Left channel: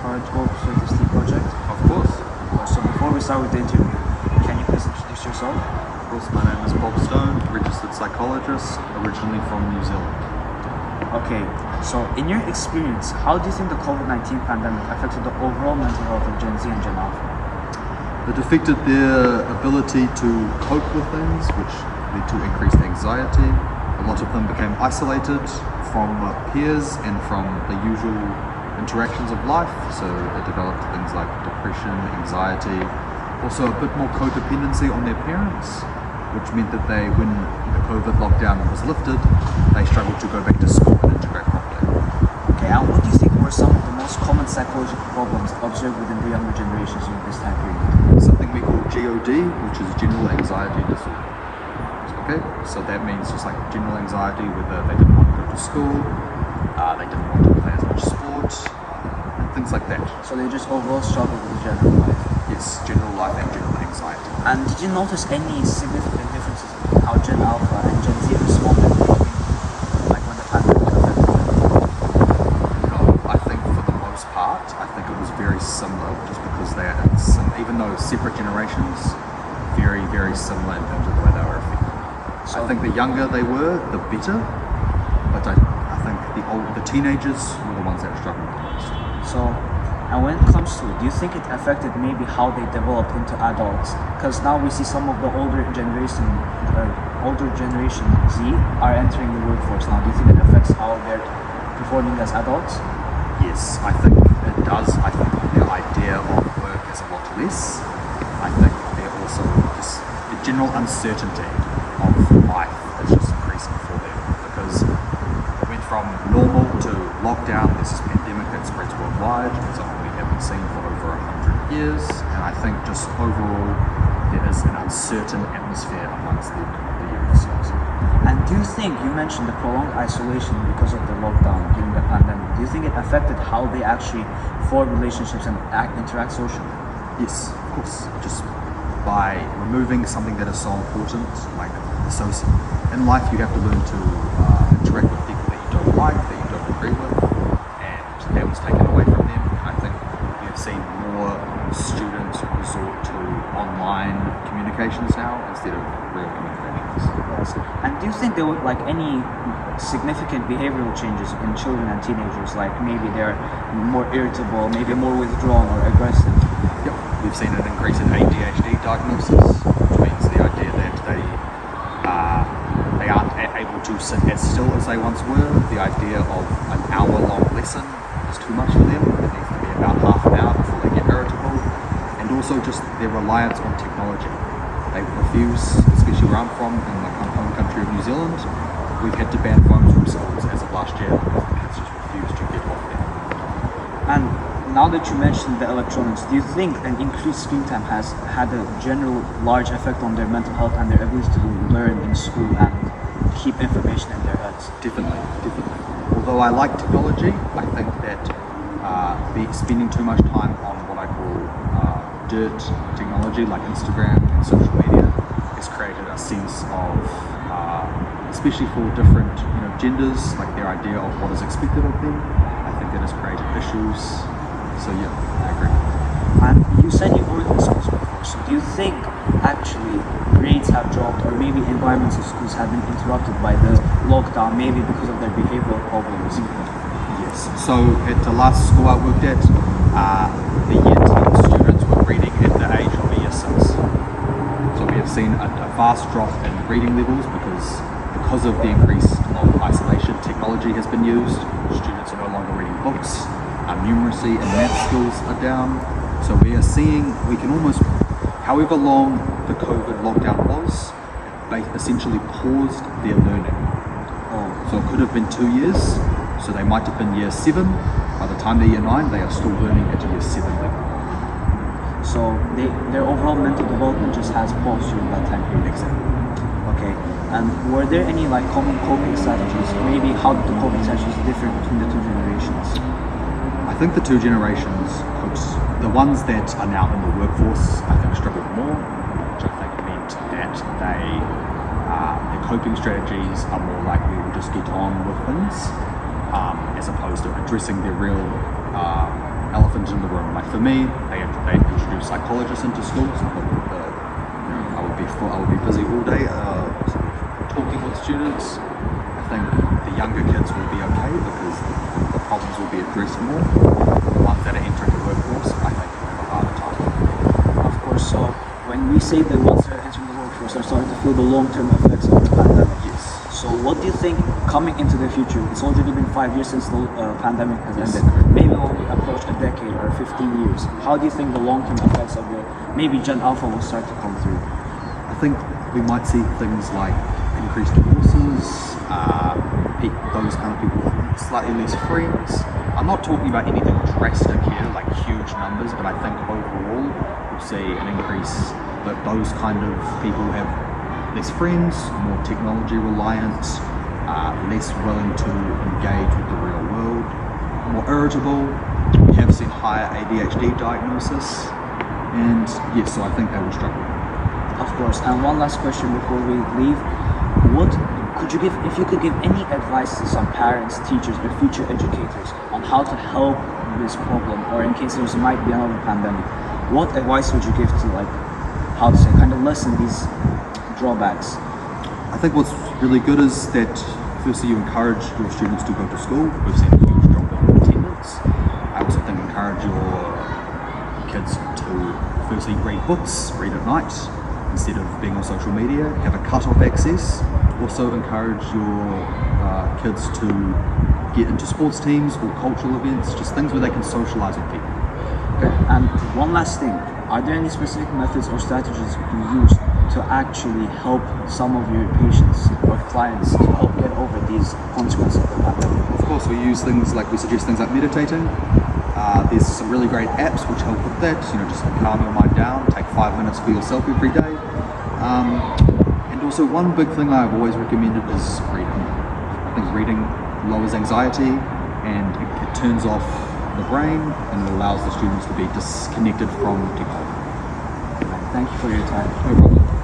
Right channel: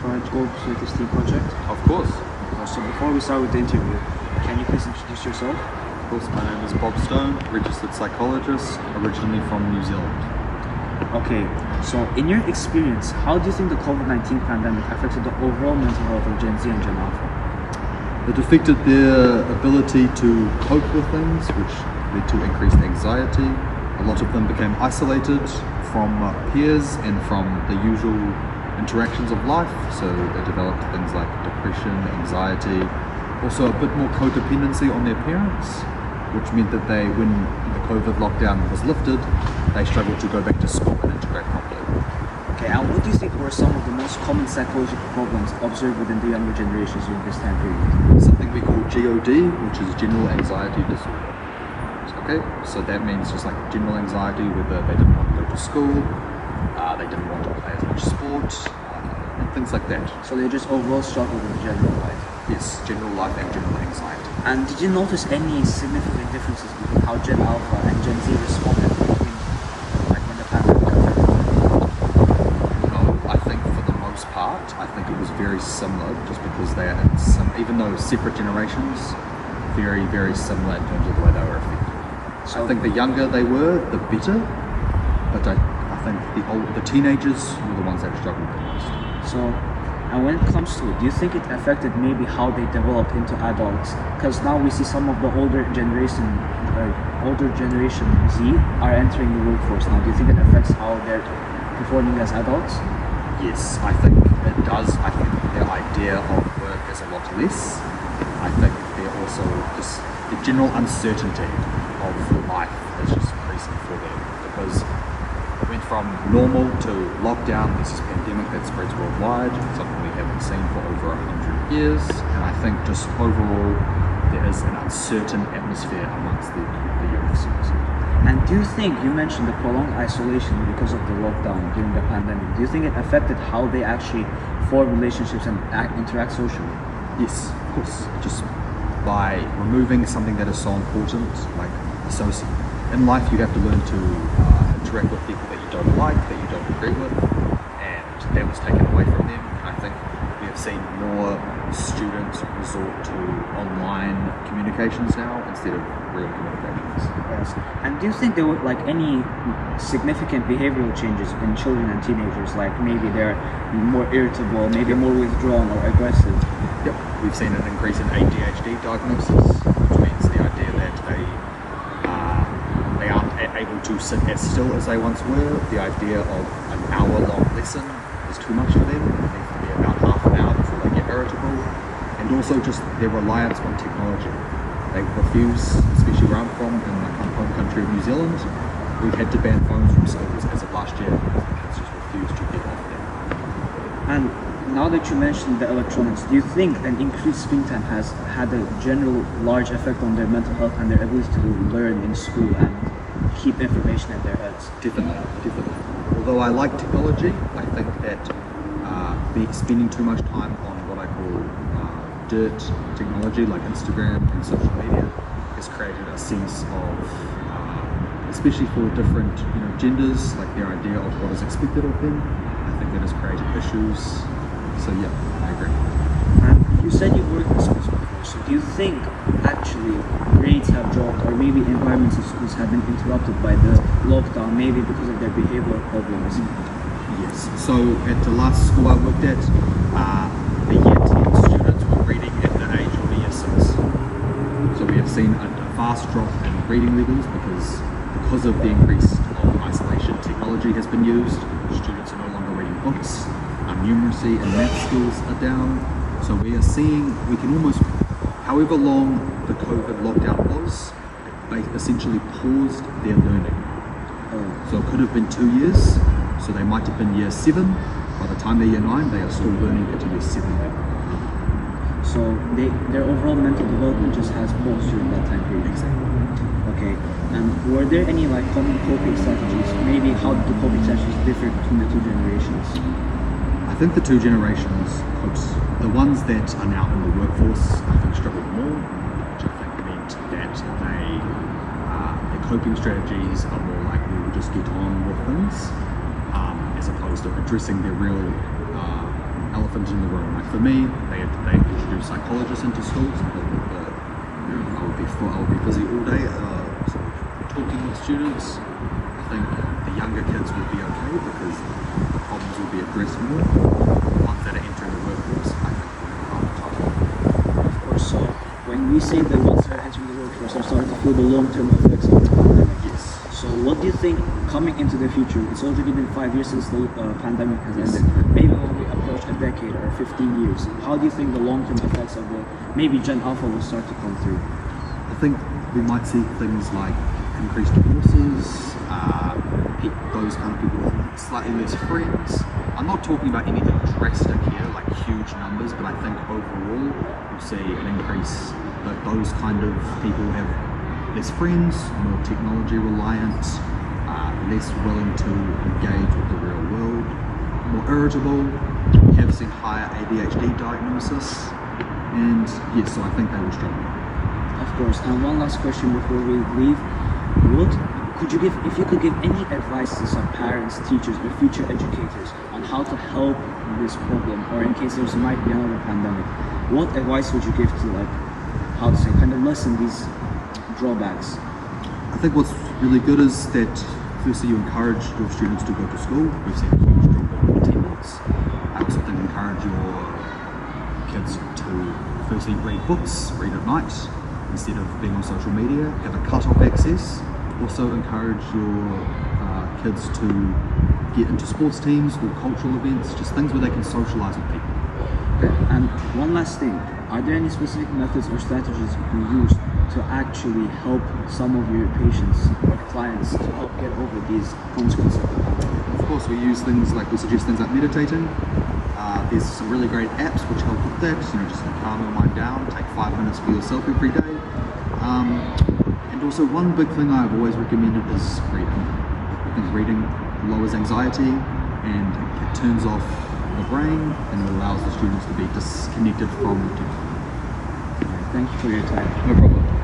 for our goal Psychologist project? Of course. So before we start with the interview, can you please introduce yourself? Of course, my name is Bob Stone, registered psychologist, originally from New Zealand. Okay, so in your experience, how do you think the COVID-19 pandemic affected the overall mental health of Gen Z and Gen Alpha? It affected their ability to cope with things, which led to increased anxiety. A lot of them became isolated from peers and from the usual interactions of life, so they developed things like depression, anxiety, also a bit more codependency on their parents, which meant that when the COVID lockdown was lifted, they struggled to go back to school and integrate properly. Okay, and what do you think were some of the most common psychological problems observed within the younger generations during this time period? Something we call GOD, which is general anxiety disorder. Okay, so that means just like general anxiety, whether they didn't want to go to school, they didn't want to play as much sport, and things like that. So they just overall struggled with general life? Yes, general life and general anxiety. And did you notice any significant differences between how Gen Alpha and Gen Z responded between, like, when the pandemic affected them? No, I think for the most part, I think it was very similar, just because they are even though separate generations, very, very similar in terms of the way they were affected. So I think the younger they were, the better, but I think the teenagers were the ones that struggled the most. So, and when it comes to it, do you think it affected maybe how they developed into adults? Because now we see some of the older generation Z are entering the workforce now. Do you think it affects how they're performing as adults? Yes, I think it does. I think their idea of work is a lot less. I think they're also just the general uncertainty of life is just increasing for them, because it went from normal to lockdown. There's this pandemic that spreads worldwide, something we haven't seen for over 100 years, and I think just overall there is an uncertain atmosphere amongst the youth. And do you think, you mentioned the prolonged isolation because of the lockdown during the pandemic, do you think it affected how they actually form relationships and interact socially? Yes, of course. Just by removing something that is so important, like associate. In life, you have to learn to interact with people that you don't like, that you don't agree with, and that was taken away from them. And I think we have seen more students resort to online communications now instead of real communications. Yes. And do you think there were like any significant behavioral changes in children and teenagers? Like maybe they're more irritable, maybe more withdrawn or aggressive? Yep, we've seen an increase in ADHD diagnosis, which means the idea that they aren't able to sit as still as they once were. The idea of an hour-long lesson is too much for them. It needs to be about half an hour before they get irritable. And also just their reliance on technology. They refuse, especially where I'm from, in my home country of New Zealand, we've had to ban phones from schools as of last year because the kids just refuse to get off them. And now that you mentioned the electronics, do you think an increased screen time has had a general large effect on their mental health and their ability to learn in school and keep information in their heads? Definitely. Although I like technology, I think that spending too much time on what I call dirt technology like Instagram and social media has created a sense of, especially for different genders, like their idea of what is expected of them. I think that has created issues. So yeah, I agree. And you said you worked in schools before, so do you think actually grades have dropped, or maybe environments in schools have been interrupted by the lockdown, maybe because of their behavioral problems? Yes, so at the last school I worked at, the year 10 students were reading at the age of a year 6. So we have seen a vast drop in reading levels because of the increase of isolation. Technology has been used, students are no longer reading books, numeracy and math skills are down. So we are seeing, we can almost, however long the COVID lockdown was, they essentially paused their learning. So it could have been 2 years, so they might have been year 7. By the time they're year 9, they are still learning at a year 7 level. So their overall mental development just has paused during that time period. Exactly. Okay. And were there any like common coping strategies? Maybe how did the coping strategies differ between the two generations? I think the two generations coped. The ones that are now in the workforce, I think, struggled more, which I think meant that their coping strategies are more likely to just get on with things, as opposed to addressing their real elephant in the room. Like for me, they introduced psychologists into schools to help with the, I would be busy all day, sort of talking with students. I think the younger kids will be okay because the problems will be addressed more. The ones that are entering the workforce, I think, will have a harder time. Of course, so when we say the ones that are entering the workforce are starting to feel the long-term effects of the pandemic. Yes. So what do you think coming into the future? It's already been 5 years since the pandemic has Yes, ended. correct. Maybe only approach a decade or 15 years. How do you think the long-term effects of the maybe Gen Alpha will start to come through? I think we might see things like increased divorces, those kind of people with slightly less friends. I'm not talking about anything drastic here, like huge numbers, but I think overall we'll see an increase that those kind of people have less friends, more technology reliant, less willing to engage with the real world, more irritable. We have seen higher ADHD diagnosis, and yes, so I think they will struggle. Of course. And one last question before we leave. What could you give, if you could give any advice to some parents, teachers, or future educators on how to help this problem, or in case there might be another pandemic, what advice would you give to, like, how to say, kind of lessen these drawbacks? I think what's really good is that firstly you encourage your students to go to school. We've seen a huge drop in attendance. I also think encourage your kids to firstly read books, read at night, instead of being on social media, have a cut-off access. Also encourage your kids to get into sports teams or cultural events, just things where they can socialize with people. Okay. And one last thing, are there any specific methods or strategies you use to actually help some of your patients or clients to help get over these consequences of the pandemic? Of course, we suggest things like meditating. There's some really great apps which help with that, just to calm your mind down, take 5 minutes for yourself every day. And also one big thing I've always recommended is reading. I think reading lowers anxiety and it turns off the brain and it allows the students to be disconnected from technology. Thank you for your time. No problem.